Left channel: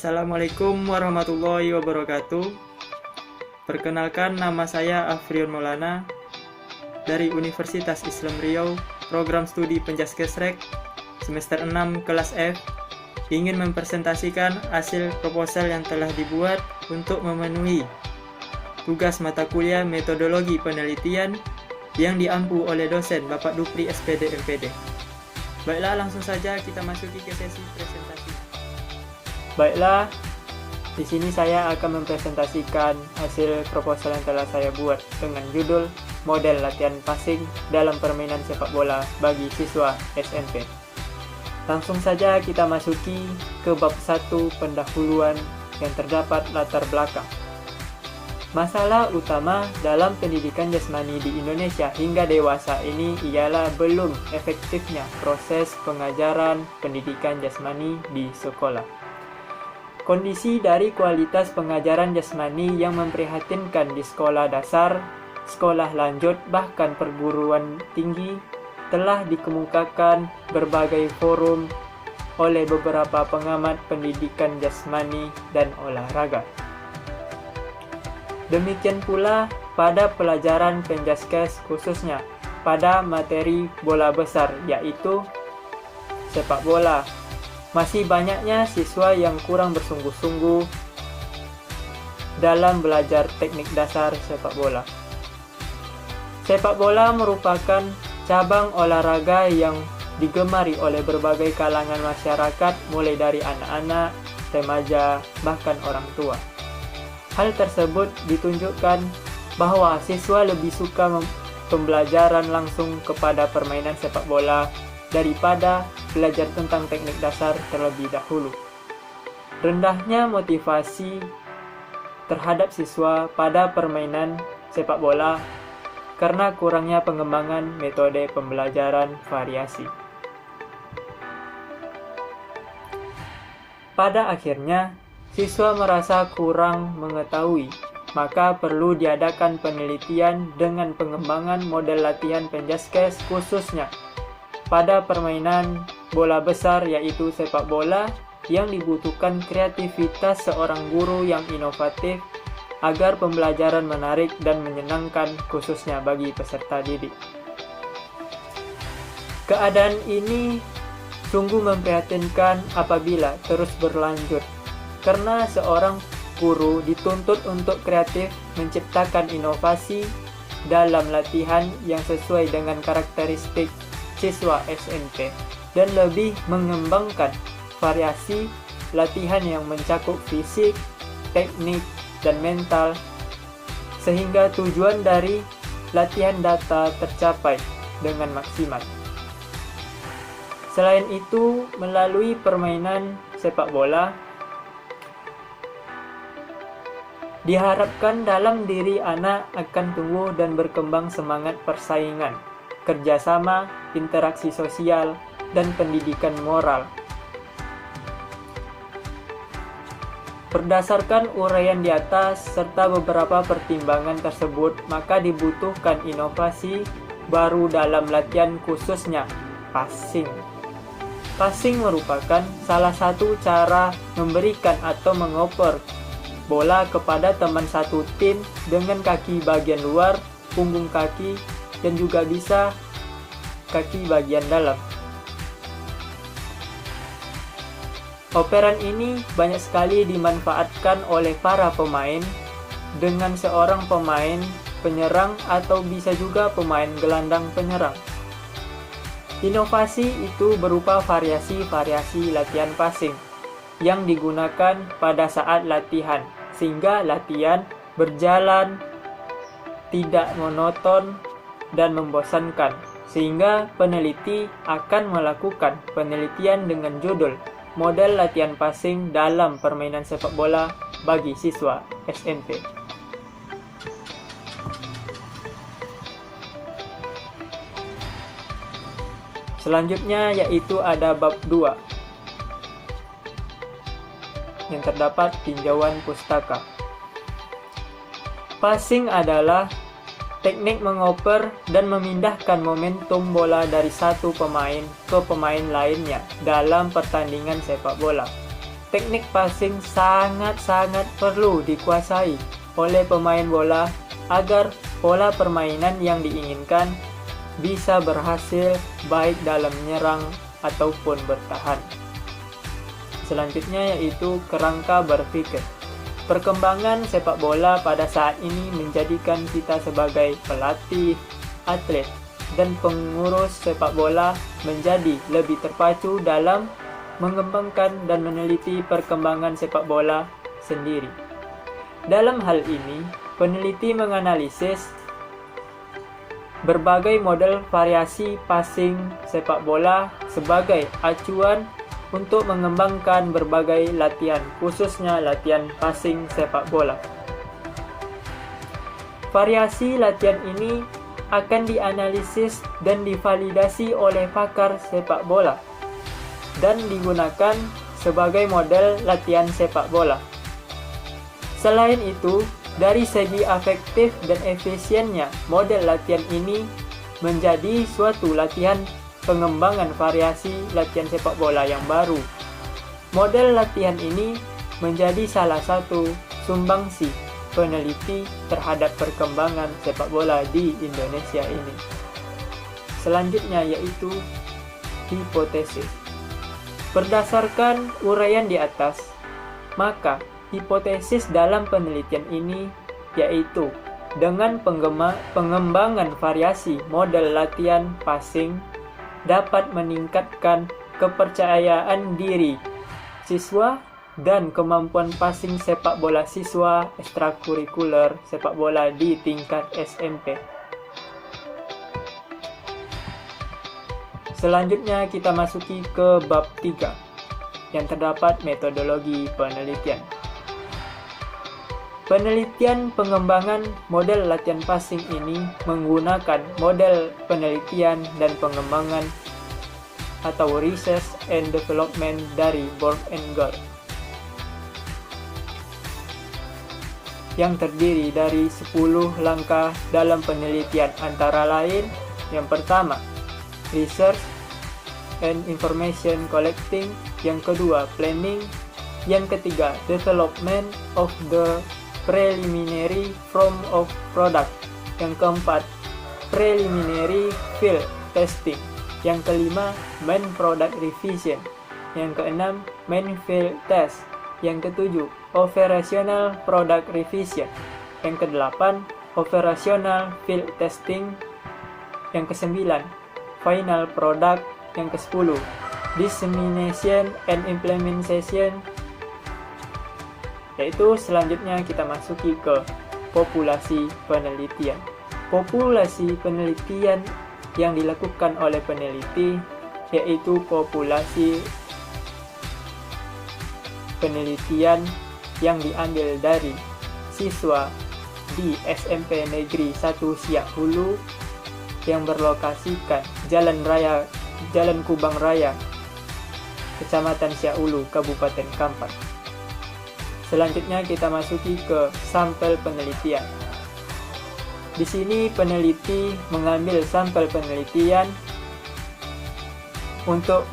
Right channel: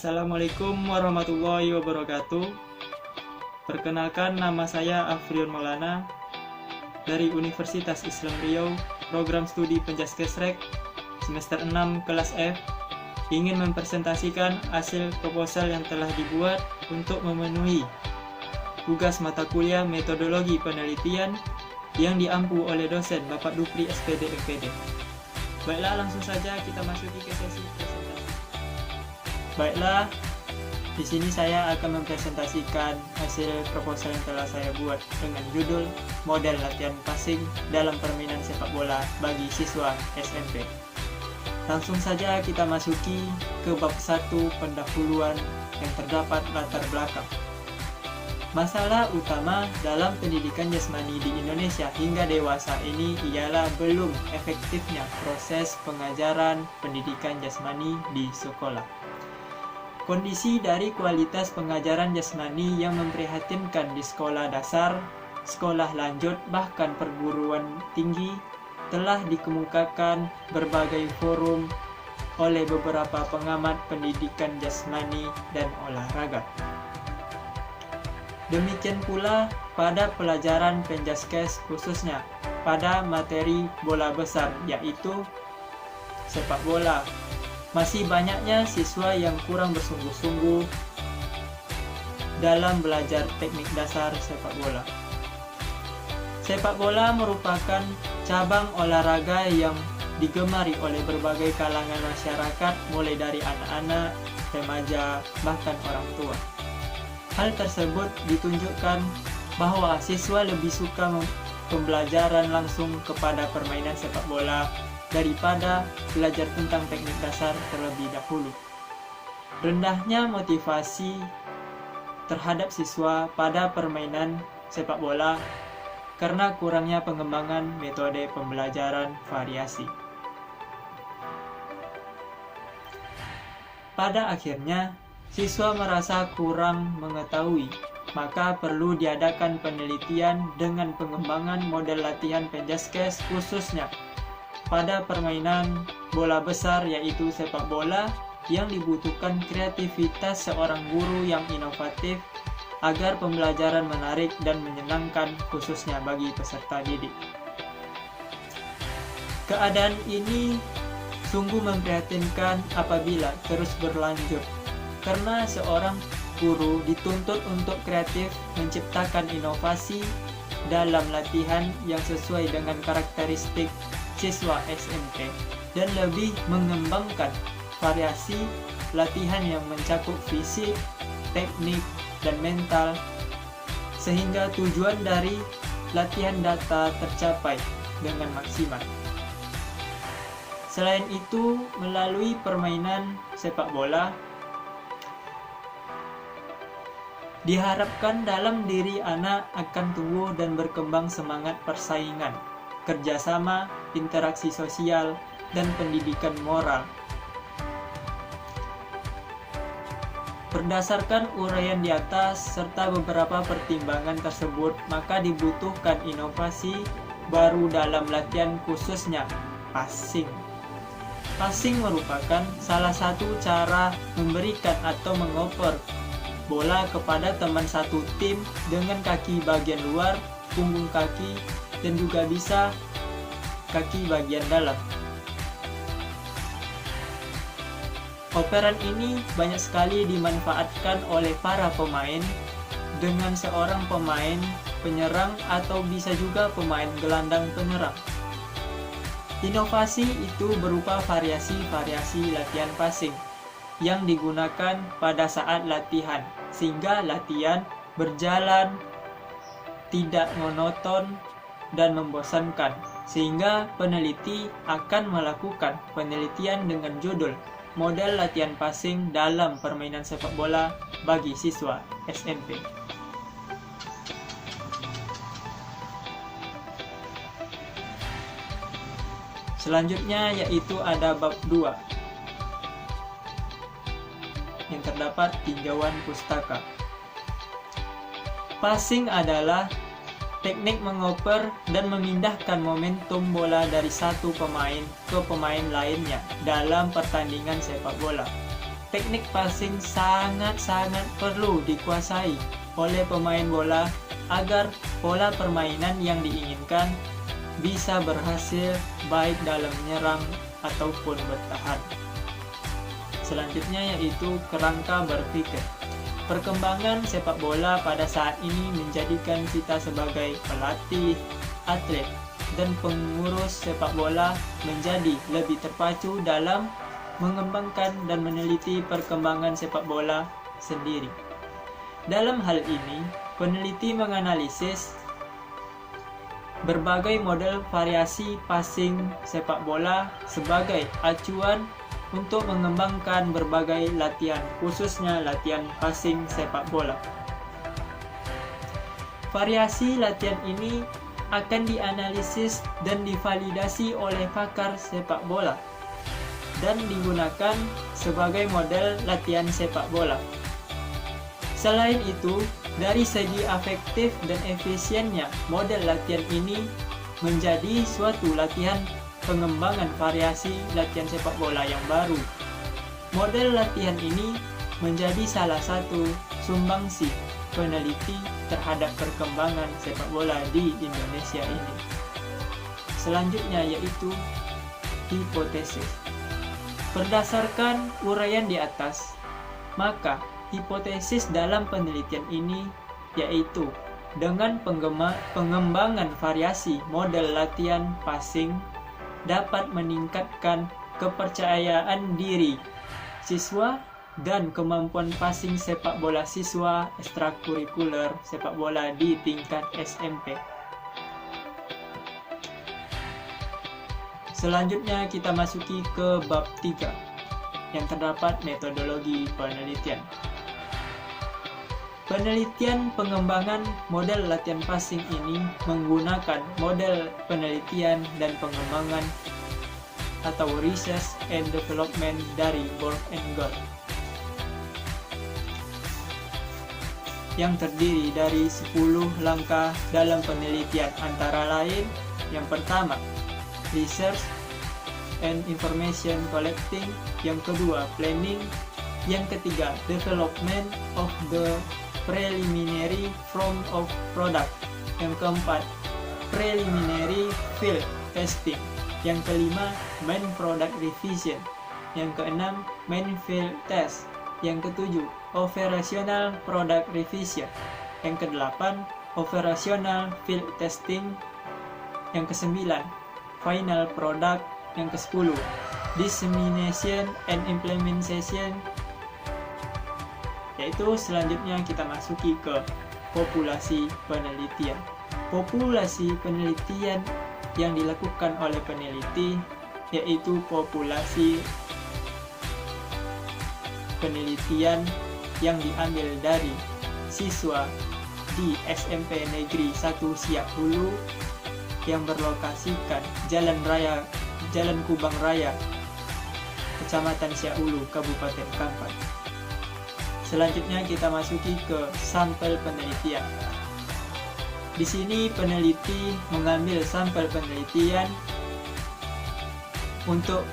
Assalamualaikum warahmatullahi wabarakatuh. Perkenalkan, nama saya Afrion Maulana dari Universitas Islam Riau, program studi Penjaskesrek semester 6 kelas F, ingin mempresentasikan hasil proposal yang telah dibuat untuk memenuhi tugas mata kuliah metodologi penelitian yang diampu oleh dosen Bapak Dupri SPD MPD. Baiklah, langsung saja kita masuki ke sesi presentasi. Baiklah, di sini saya akan mempresentasikan hasil proposal yang telah saya buat dengan judul Model Latihan Passing dalam Permainan Sepak Bola bagi Siswa SMP. Langsung saja kita masuki ke bab 1 pendahuluan yang terdapat latar belakang. Masalah utama dalam pendidikan jasmani di Indonesia hingga dewasa ini ialah belum efektifnya proses pengajaran pendidikan jasmani di sekolah. Kondisi dari kualitas pengajaran jasmani yang memprihatinkan di sekolah dasar, sekolah lanjut, bahkan perguruan tinggi telah dikemukakan berbagai forum oleh beberapa pengamat pendidikan jasmani dan olahraga. Demikian pula pada pelajaran Penjaskes, khususnya pada materi bola besar, yaitu sepak bola. Masih banyaknya siswa yang kurang bersungguh-sungguh dalam belajar teknik dasar sepak bola. Sepak bola merupakan cabang olahraga yang digemari oleh berbagai kalangan masyarakat, mulai dari anak-anak, remaja, bahkan orang tua. Hal tersebut ditunjukkan bahwa siswa lebih suka pembelajaran langsung kepada permainan sepak bola daripada belajar tentang teknik dasar terlebih dahulu. Rendahnya motivasi terhadap siswa pada permainan sepak bola karena kurangnya pengembangan metode pembelajaran variasi. Pada akhirnya, siswa merasa kurang mengetahui, maka perlu diadakan penelitian dengan pengembangan model latihan Penjaskes, khususnya pada permainan bola besar, yaitu sepak bola, yang dibutuhkan kreativitas seorang guru yang inovatif agar pembelajaran menarik dan menyenangkan, khususnya bagi peserta didik. Keadaan ini sungguh memprihatinkan apabila terus berlanjut, karena seorang guru dituntut untuk kreatif menciptakan inovasi dalam latihan yang sesuai dengan karakteristik siswa SMP dan lebih mengembangkan variasi latihan yang mencakup fisik, teknik, dan mental, sehingga tujuan dari latihan data tercapai dengan maksimal. Selain itu, melalui permainan sepak bola, diharapkan dalam diri anak akan tumbuh dan berkembang semangat persaingan, kerjasama, interaksi sosial, dan pendidikan moral. Berdasarkan uraian di atas serta beberapa pertimbangan tersebut, maka dibutuhkan inovasi baru dalam latihan, khususnya passing. Passing merupakan salah satu cara memberikan atau mengoper bola kepada teman satu tim dengan kaki bagian luar, punggung kaki, dan juga bisa kaki bagian dalam. Operan ini banyak sekali dimanfaatkan oleh para pemain dengan seorang pemain penyerang atau bisa juga pemain gelandang penyerang. Inovasi itu berupa variasi-variasi latihan passing yang digunakan pada saat latihan, sehingga latihan berjalan tidak monoton dan membosankan, sehingga peneliti akan melakukan penelitian dengan judul Model Latihan Passing dalam Permainan Sepak Bola bagi Siswa SMP. Selanjutnya yaitu ada bab 2 yang terdapat tinjauan pustaka. Passing adalah teknik mengoper dan memindahkan momentum bola dari satu pemain ke pemain lainnya dalam pertandingan sepak bola. teknik passing sangat-sangat perlu dikuasai oleh pemain bola agar pola permainan yang diinginkan bisa berhasil baik dalam menyerang ataupun bertahan. Selanjutnya yaitu kerangka berpikir. Perkembangan sepak bola pada saat ini menjadikan kita sebagai pelatih, atlet, dan pengurus sepak bola menjadi lebih terpacu dalam mengembangkan dan meneliti perkembangan sepak bola sendiri. Dalam hal ini, peneliti menganalisis berbagai model variasi passing sepak bola sebagai acuan untuk mengembangkan berbagai latihan, khususnya latihan passing sepak bola. Variasi latihan ini akan dianalisis dan divalidasi oleh pakar sepak bola dan digunakan sebagai model latihan sepak bola. Selain itu, dari segi efektif dan efisiennya, model latihan ini menjadi suatu latihan pengembangan variasi latihan sepak bola yang baru. Model latihan ini menjadi salah satu sumbangsi peneliti terhadap perkembangan sepak bola di Indonesia ini. Selanjutnya yaitu hipotesis. Berdasarkan uraian di atas, maka hipotesis dalam penelitian ini yaitu dengan pengembangan variasi model latihan passing dapat meningkatkan kepercayaan diri siswa dan kemampuan passing sepak bola siswa ekstrakurikuler sepak bola di tingkat SMP. Selanjutnya kita masuki ke bab 3 yang terdapat metodologi penelitian. Penelitian pengembangan model latihan passing ini menggunakan model penelitian dan pengembangan atau research and development dari Borg and Gold yang terdiri dari 10 langkah dalam penelitian, antara lain yang pertama, research and information collecting, yang kedua, planning, yang ketiga, development of the preliminary form of product, yang keempat, preliminary field testing, yang kelima, main product revision, yang keenam, main field test, yang ketujuh, operational product revision, yang kedelapan, operational field testing, yang kesembilan, final product, yang ke-10, dissemination and implementation. Yaitu selanjutnya kita masuki ke populasi penelitian. Populasi penelitian yang dilakukan oleh peneliti yaitu populasi penelitian yang diambil dari siswa di SMP Negeri 1 Siak Hulu yang berlokasikan Jalan Kubang Raya, Kecamatan Siak Hulu, Kabupaten Kampar. Selanjutnya kita masuki ke sampel penelitian. Di sini peneliti mengambil sampel penelitian untuk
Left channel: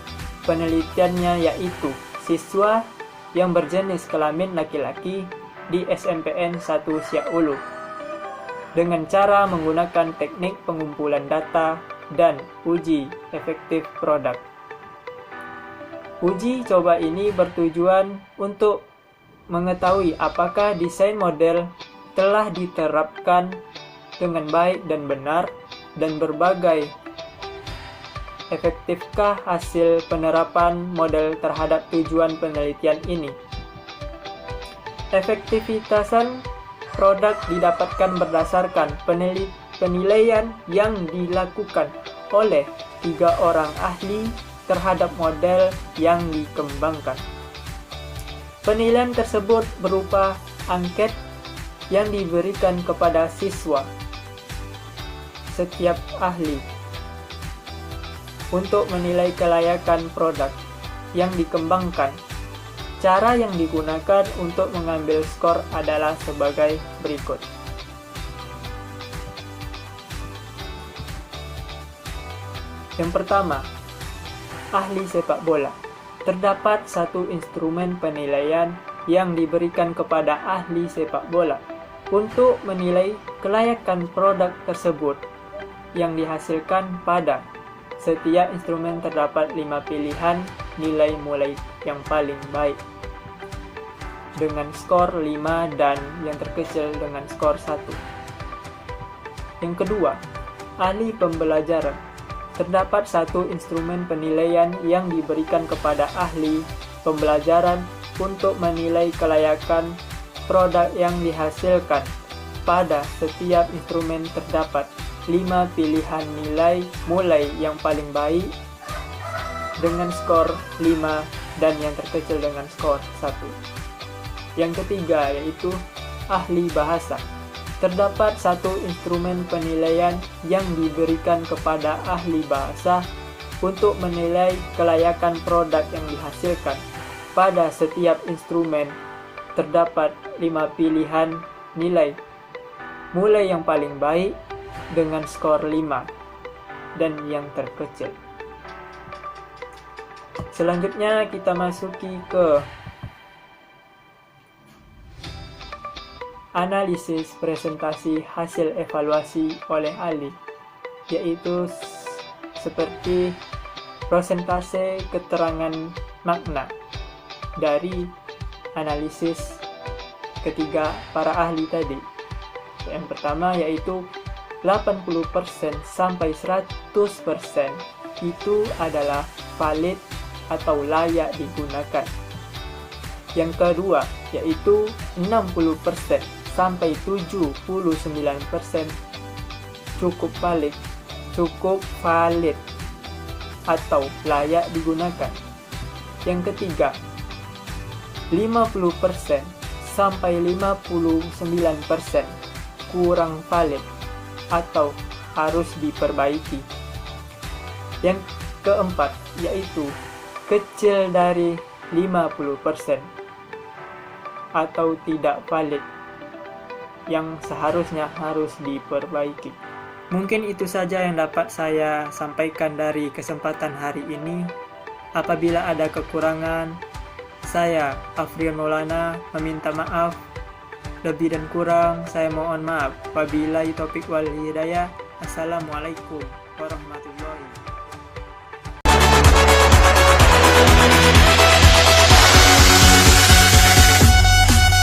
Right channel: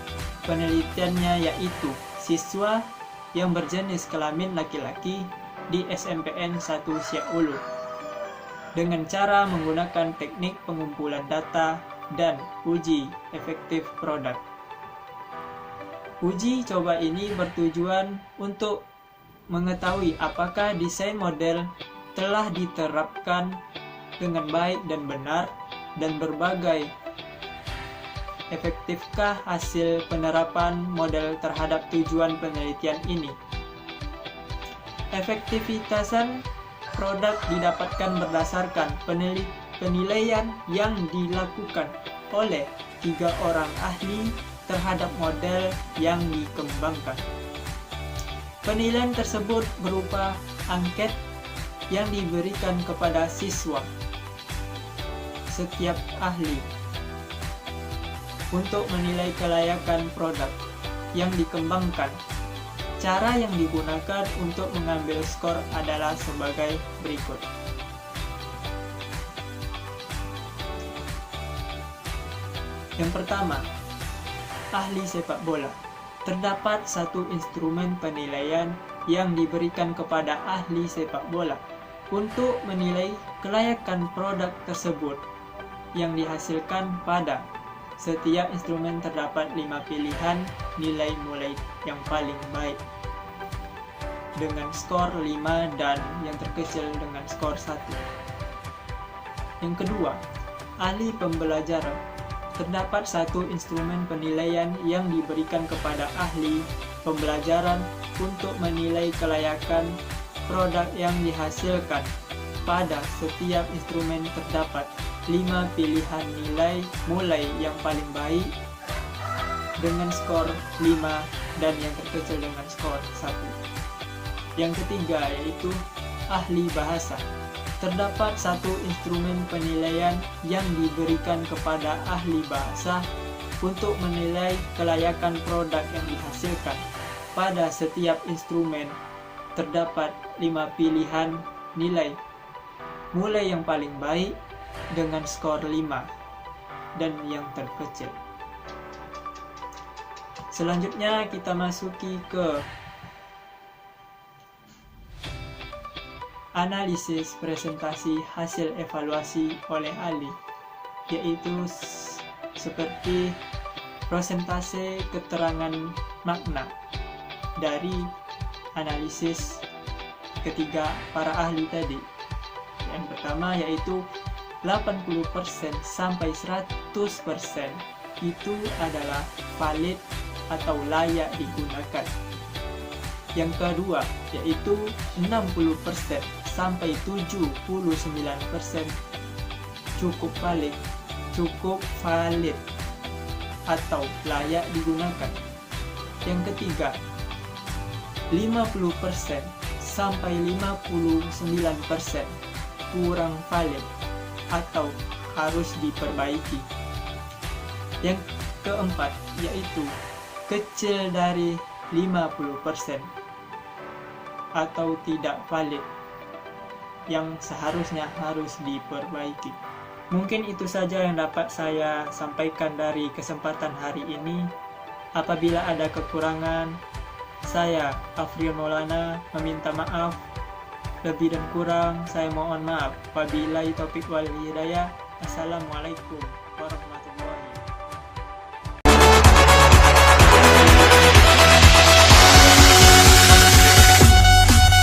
penelitiannya yaitu siswa yang berjenis kelamin laki-laki di SMPN 1 Siak Hulu dengan cara menggunakan teknik pengumpulan data dan uji efektif produk. Uji coba ini bertujuan untuk mengetahui apakah desain model telah diterapkan dengan baik dan benar, dan berbagai efektifkah hasil penerapan model terhadap tujuan penelitian ini. Efektivitasan produk didapatkan berdasarkan penilaian yang dilakukan oleh 3 orang ahli terhadap model yang dikembangkan. Penilaian tersebut berupa angket yang diberikan kepada siswa setiap ahli untuk menilai kelayakan produk yang dikembangkan. Cara yang digunakan untuk mengambil skor adalah sebagai berikut. Yang pertama, ahli sepak bola. terdapat satu instrumen penilaian yang diberikan kepada ahli sepak bola untuk menilai kelayakan produk tersebut yang dihasilkan. Pada setiap instrumen terdapat 5 pilihan nilai mulai yang paling baik dengan skor 5 dan yang terkecil dengan skor 1. Yang kedua, ahli pembelajaran. Terdapat satu instrumen penilaian yang diberikan kepada ahli pembelajaran untuk menilai kelayakan produk yang dihasilkan. Pada setiap instrumen terdapat 5 pilihan nilai mulai yang paling baik dengan skor 5 dan yang terkecil dengan skor 1. Yang ketiga yaitu ahli bahasa. Terdapat satu instrumen penilaian yang diberikan kepada ahli bahasa untuk menilai kelayakan produk yang dihasilkan. Pada setiap instrumen terdapat 5 pilihan nilai mulai yang paling baik dengan skor 5 dan yang terkecil. Selanjutnya kita masuki ke analisis presentasi hasil evaluasi oleh ahli, yaitu seperti persentase keterangan makna dari analisis ketiga para ahli tadi. Yang pertama yaitu 80% sampai 100% itu adalah valid atau layak digunakan. Yang kedua yaitu 60% sampai 79% cukup valid atau layak digunakan. Yang ketiga 50% sampai 59% kurang valid atau harus diperbaiki. Yang keempat yaitu kecil dari 50% atau tidak valid yang seharusnya harus diperbaiki. Mungkin itu saja yang dapat saya sampaikan dari kesempatan hari ini. Apabila ada kekurangan, saya Afrion Maulana meminta maaf. Lebih dan kurang saya mohon maaf. Wabillahi taufiq wal hidayah. Assalamualaikum warahmatullahi wabarakatuh.